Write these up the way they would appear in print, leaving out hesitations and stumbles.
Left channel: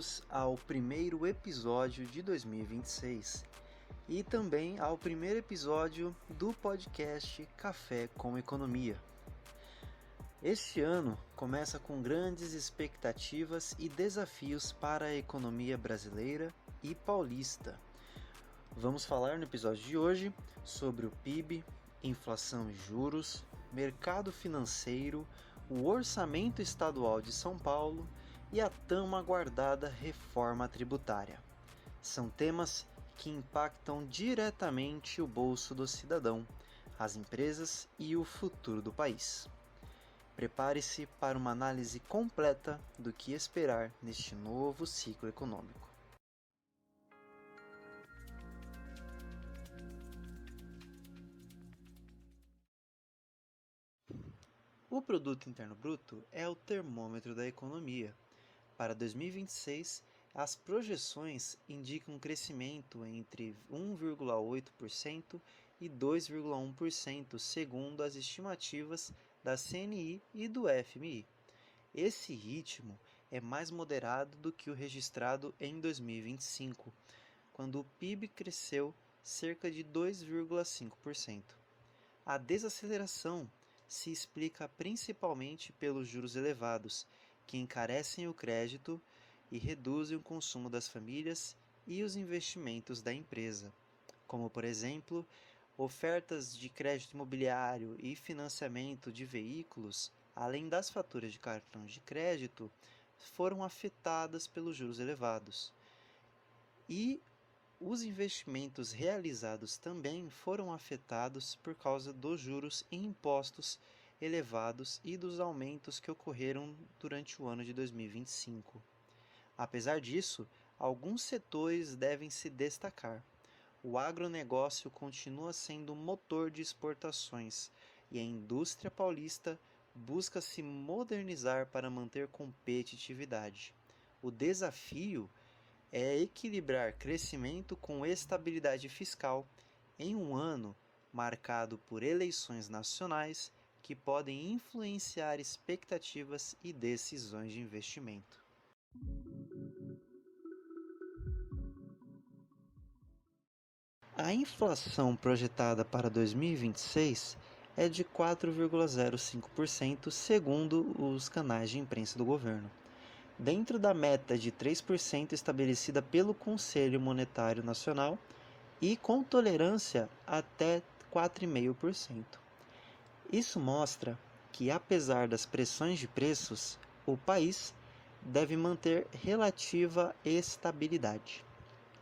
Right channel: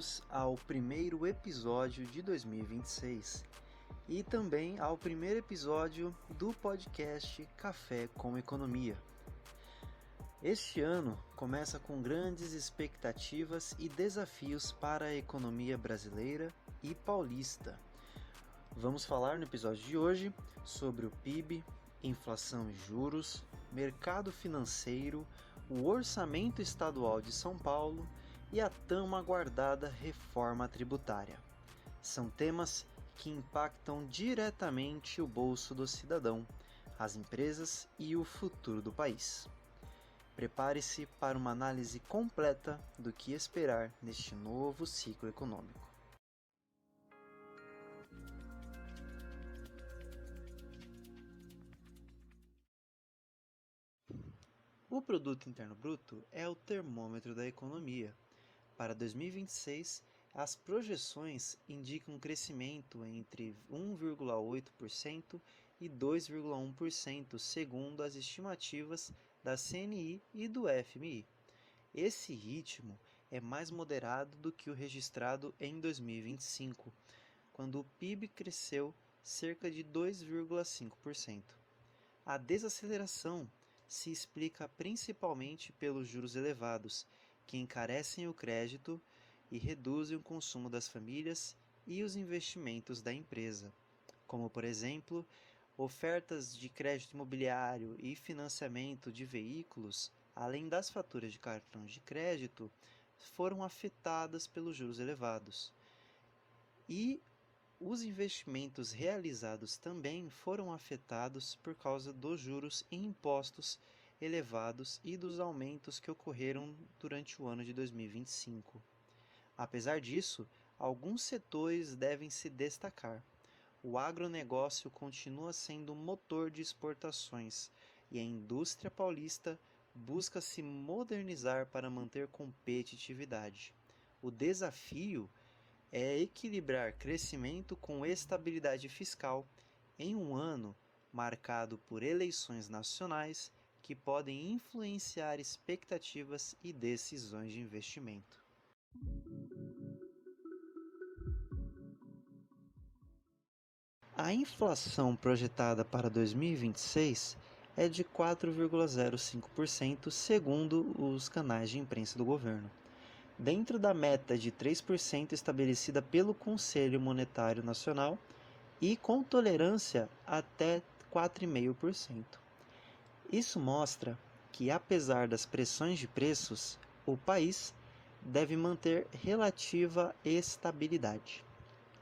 bem-vindos ao primeiro episódio de 2026 e também ao primeiro episódio do podcast Café com Economia. Este ano começa com grandes expectativas e desafios para a economia brasileira e paulista. Vamos falar no episódio de hoje sobre o PIB, inflação e juros, mercado financeiro, o orçamento estadual de São Paulo e a tão aguardada reforma tributária. São temas que impactam diretamente o bolso do cidadão, as empresas e o futuro do país. Prepare-se para uma análise completa do que esperar neste novo ciclo econômico. O Produto Interno Bruto é o termômetro da economia. Para 2026, as projeções indicam um crescimento entre 1,8% e 2,1%, segundo as estimativas da CNI e do FMI. Esse ritmo é mais moderado do que o registrado em 2025, quando o PIB cresceu cerca de 2,5%. A desaceleração se explica principalmente pelos juros elevados, que encarecem o crédito e reduzem o consumo das famílias e os investimentos da empresa, como, por exemplo, ofertas de crédito imobiliário e financiamento de veículos, além das faturas de cartão de crédito, foram afetadas pelos juros elevados. E os investimentos realizados também foram afetados por causa dos juros e impostos elevados e dos aumentos que ocorreram durante o ano de 2025. Apesar disso, alguns setores devem se destacar. O agronegócio continua sendo motor de exportações e a indústria paulista busca se modernizar para manter competitividade. O desafio é equilibrar crescimento com estabilidade fiscal em um ano marcado por eleições nacionais que podem influenciar expectativas e decisões de investimento. A inflação projetada para 2026 é de 4,05%, segundo os canais de imprensa do governo, dentro da meta de 3% estabelecida pelo Conselho Monetário Nacional e com tolerância até 4,5%. Isso mostra que, apesar das pressões de preços, o país deve manter relativa estabilidade.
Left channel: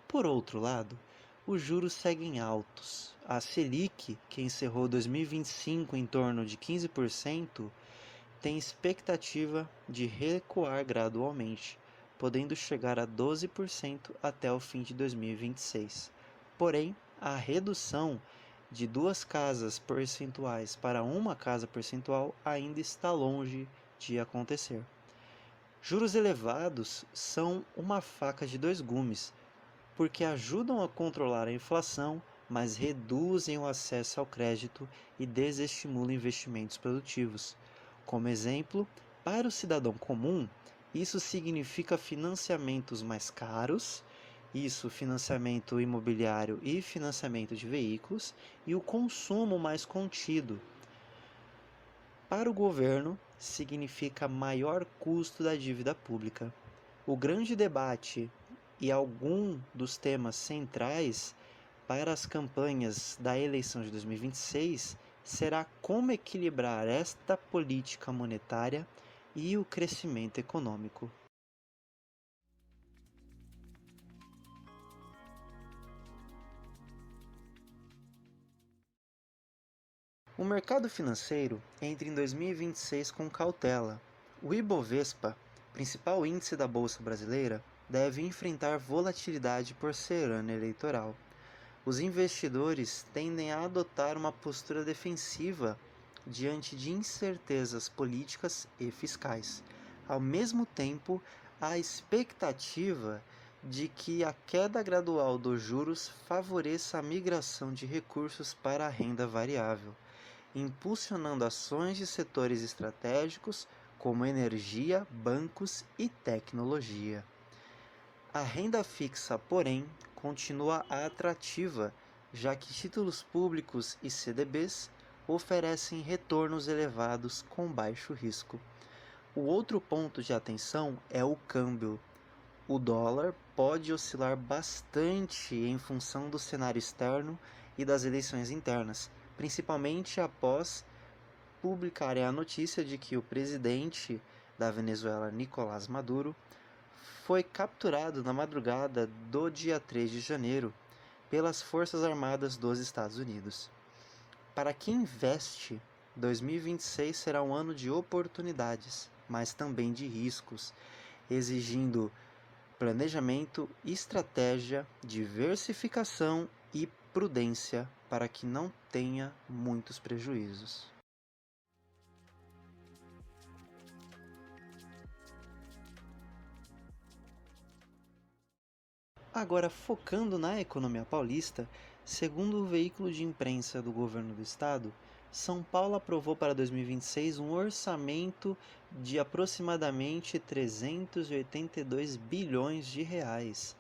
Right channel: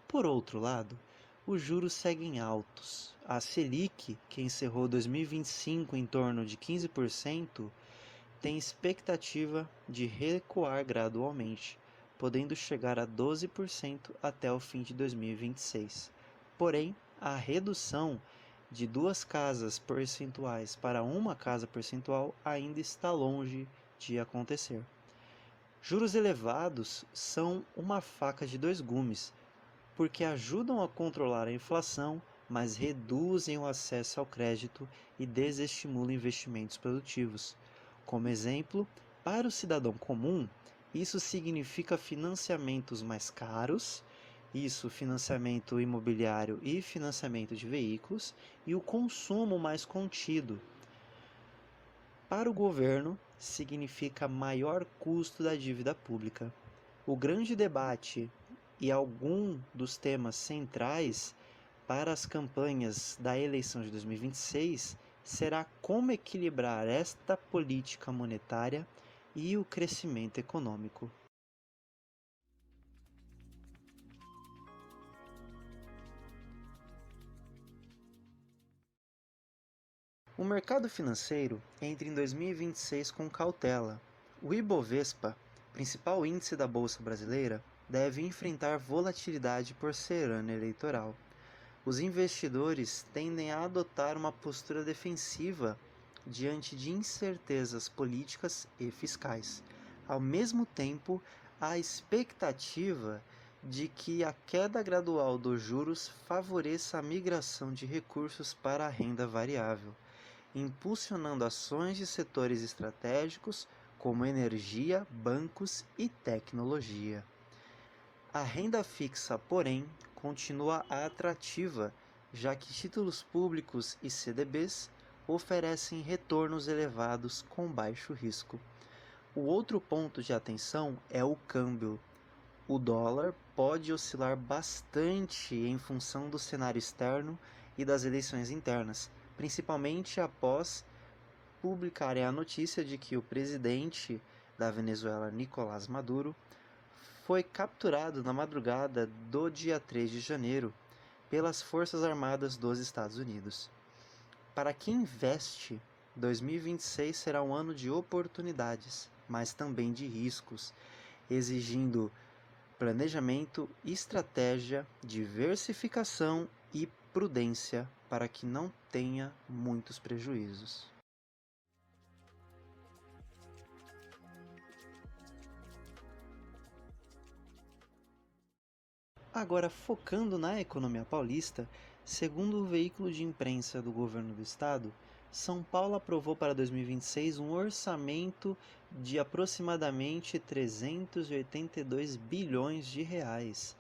Por outro lado, os juros seguem altos. A Selic, que encerrou 2025 em torno de 15%, tem expectativa de recuar gradualmente, podendo chegar a 12% até o fim de 2026. Porém, a redução de 2 casas percentuais para 1 casa percentual ainda está longe de acontecer. Juros elevados são uma faca de 2 gumes, porque ajudam a controlar a inflação, mas reduzem o acesso ao crédito e desestimulam investimentos produtivos. Como exemplo, para o cidadão comum, isso significa financiamentos mais caros, financiamento imobiliário e financiamento de veículos, e o consumo mais contido. Para o governo, significa maior custo da dívida pública. O grande debate e algum dos temas centrais para as campanhas da eleição de 2026 será como equilibrar esta política monetária e o crescimento econômico. O mercado financeiro entra em 2026 com cautela. O Ibovespa, principal índice da Bolsa Brasileira, deve enfrentar volatilidade por ser ano eleitoral. Os investidores tendem a adotar uma postura defensiva diante de incertezas políticas e fiscais. Ao mesmo tempo, há expectativa de que a queda gradual dos juros favoreça a migração de recursos para a renda variável, impulsionando ações de setores estratégicos como energia, bancos e tecnologia. A renda fixa, porém, continua atrativa, já que títulos públicos e CDBs oferecem retornos elevados com baixo risco. O outro ponto de atenção é o câmbio. O dólar pode oscilar bastante em função do cenário externo e das eleições internas, principalmente após publicarem a notícia de que o presidente da Venezuela, Nicolás Maduro, foi capturado na madrugada do dia 3 de janeiro pelas Forças Armadas dos Estados Unidos. Para quem investe, 2026 será um ano de oportunidades, mas também de riscos, exigindo planejamento, estratégia, diversificação e prudência para que não tenha muitos prejuízos. Agora, focando na economia paulista, segundo o veículo de imprensa do governo do estado, São Paulo aprovou para 2026 um orçamento de aproximadamente 382 bilhões de reais.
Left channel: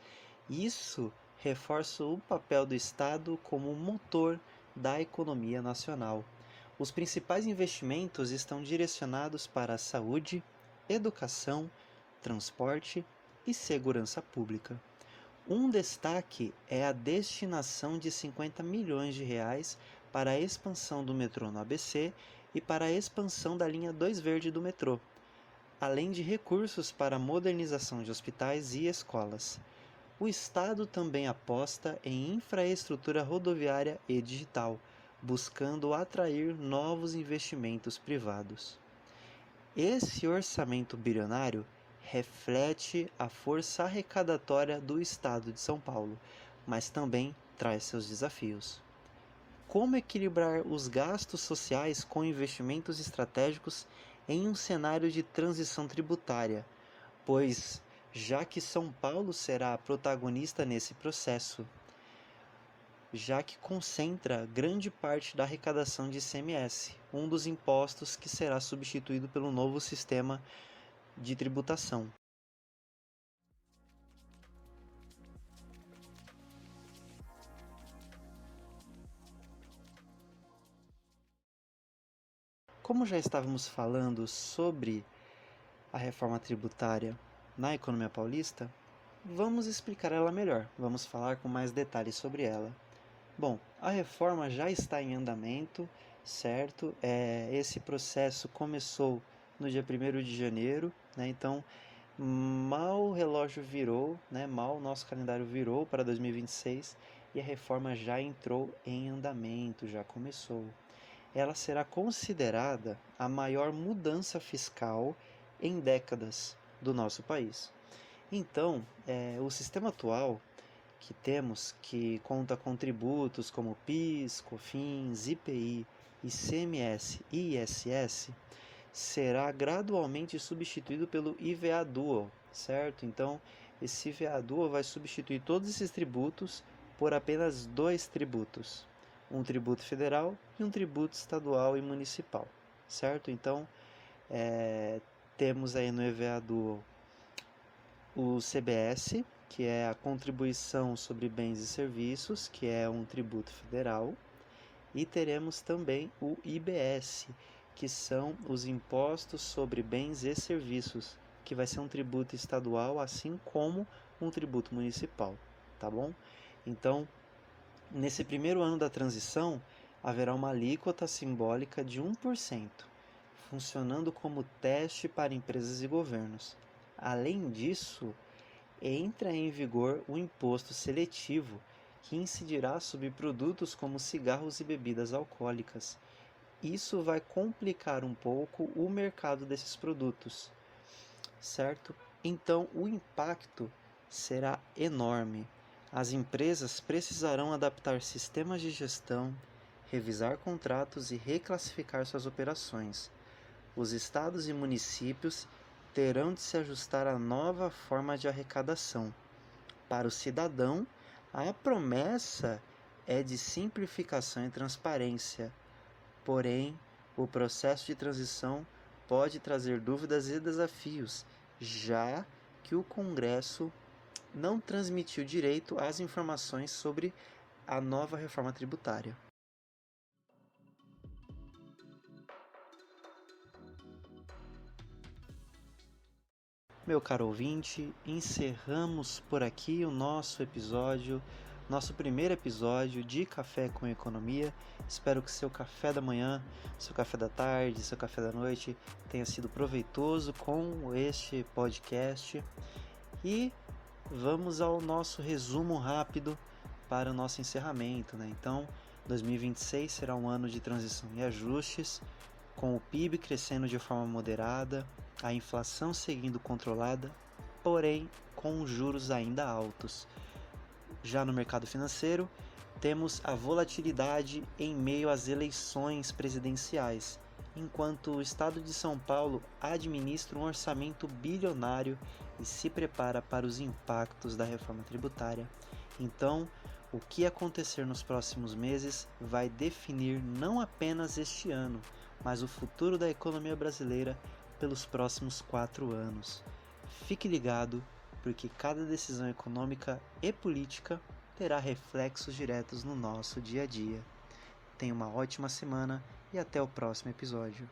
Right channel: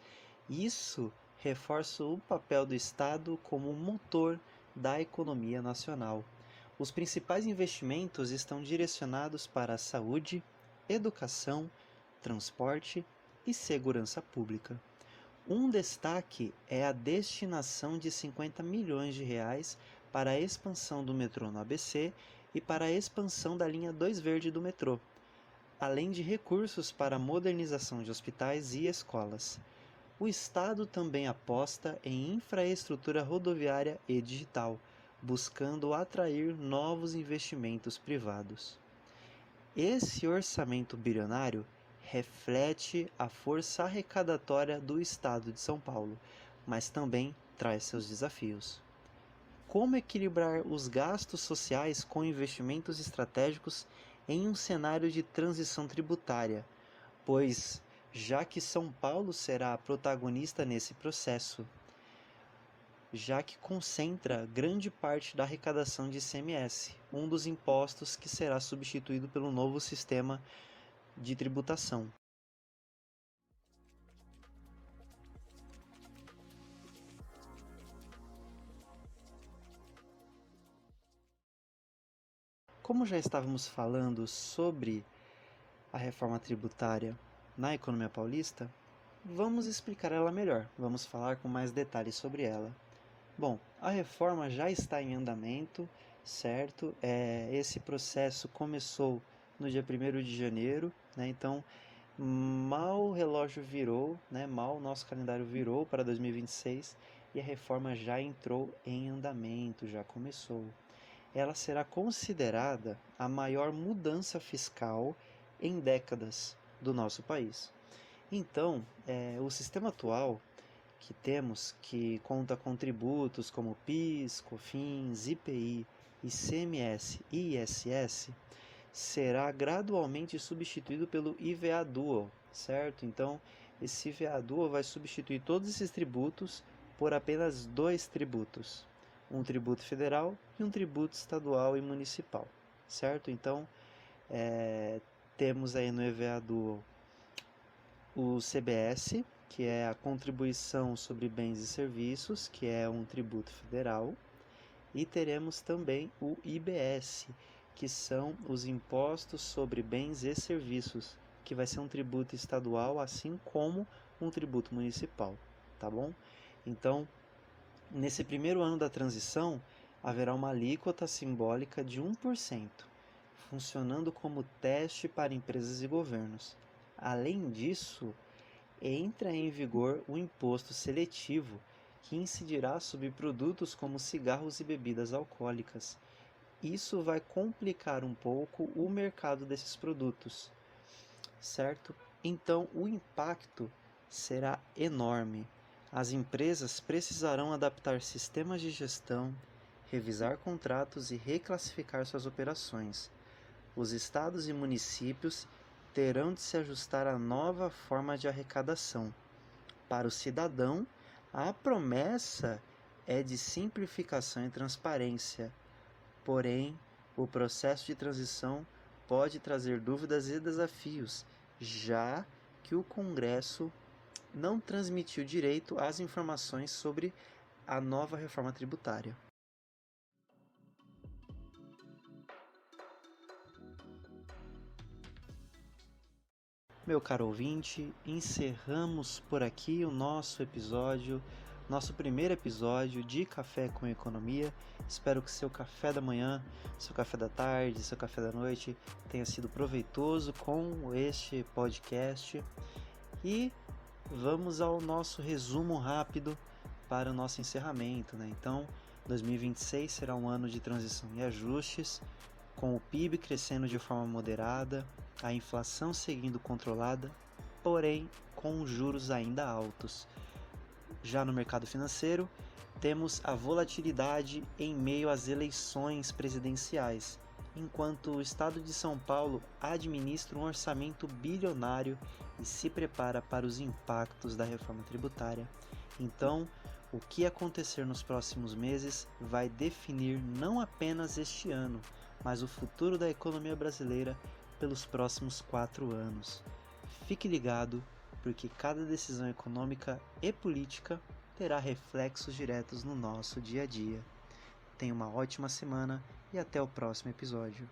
Isso reforça o papel do estado como motor da economia nacional. Os principais investimentos estão direcionados para a saúde, educação, transporte e segurança pública. Um destaque é a destinação de 50 milhões de reais para a expansão do metrô no ABC e para a expansão da linha 2 Verde do metrô, além de recursos para a modernização de hospitais e escolas. O Estado também aposta em infraestrutura rodoviária e digital, buscando atrair novos investimentos privados. Esse orçamento bilionário reflete a força arrecadatória do estado de São Paulo, mas também traz seus desafios. Como equilibrar os gastos sociais com investimentos estratégicos em um cenário de transição tributária, pois já que São Paulo será a protagonista nesse processo, já que concentra grande parte da arrecadação de ICMS, um dos impostos que será substituído pelo novo sistema de tributação. Como já estávamos falando sobre a reforma tributária na economia paulista, vamos explicar ela melhor, vamos falar com mais detalhes sobre ela. Bom, a reforma já está em andamento, certo? Esse processo começou no dia 1º de janeiro, né? Então, mal o relógio virou, né? Mal o nosso calendário virou para 2026 e a reforma já entrou em andamento, já começou. Ela será considerada a maior mudança fiscal em décadas do nosso país. Então, o sistema atual que temos, que conta com tributos como PIS, COFINS, IPI, ICMS e ISS, será gradualmente substituído pelo IVA Dual, certo? Então, esse IVA Dual vai substituir todos esses tributos por apenas 2 tributos, um tributo federal e um tributo estadual e municipal, certo? Então, temos aí no IVA Dual o CBS, que é a Contribuição sobre Bens e Serviços, que é um tributo federal, e teremos também o IBS, que são os Impostos sobre Bens e Serviços, que vai ser um tributo estadual, assim como um tributo municipal, tá bom? Então, nesse primeiro ano da transição, haverá uma alíquota simbólica de 1%, funcionando como teste para empresas e governos. Além disso, entra em vigor o imposto seletivo, que incidirá sobre produtos como cigarros e bebidas alcoólicas. Isso vai complicar um pouco o mercado desses produtos, certo? Então, o impacto será enorme. As empresas precisarão adaptar sistemas de gestão, revisar contratos e reclassificar suas operações. Os estados e municípios terão de se ajustar à nova forma de arrecadação. Para o cidadão, a promessa é de simplificação e transparência. Porém, o processo de transição pode trazer dúvidas e desafios, já que o Congresso não transmitiu direito às informações sobre a nova reforma tributária. Meu caro ouvinte, encerramos por aqui o nosso primeiro episódio de Café com Economia. Espero que seu café da manhã, seu café da tarde, seu café da noite tenha sido proveitoso com este podcast. E vamos ao nosso resumo rápido para o nosso encerramento, né? Então, 2026 será um ano de transição e ajustes, com o PIB crescendo de forma moderada, a inflação seguindo controlada, porém com juros ainda altos. Já no mercado financeiro, temos a volatilidade em meio às eleições presidenciais, enquanto o Estado de São Paulo administra um orçamento bilionário e se prepara para os impactos da reforma tributária. Então, o que acontecer nos próximos meses vai definir não apenas este ano, mas o futuro da economia brasileira pelos próximos 4 anos. Fique ligado, porque cada decisão econômica e política terá reflexos diretos no nosso dia a dia. Tenha uma ótima semana e até o próximo episódio.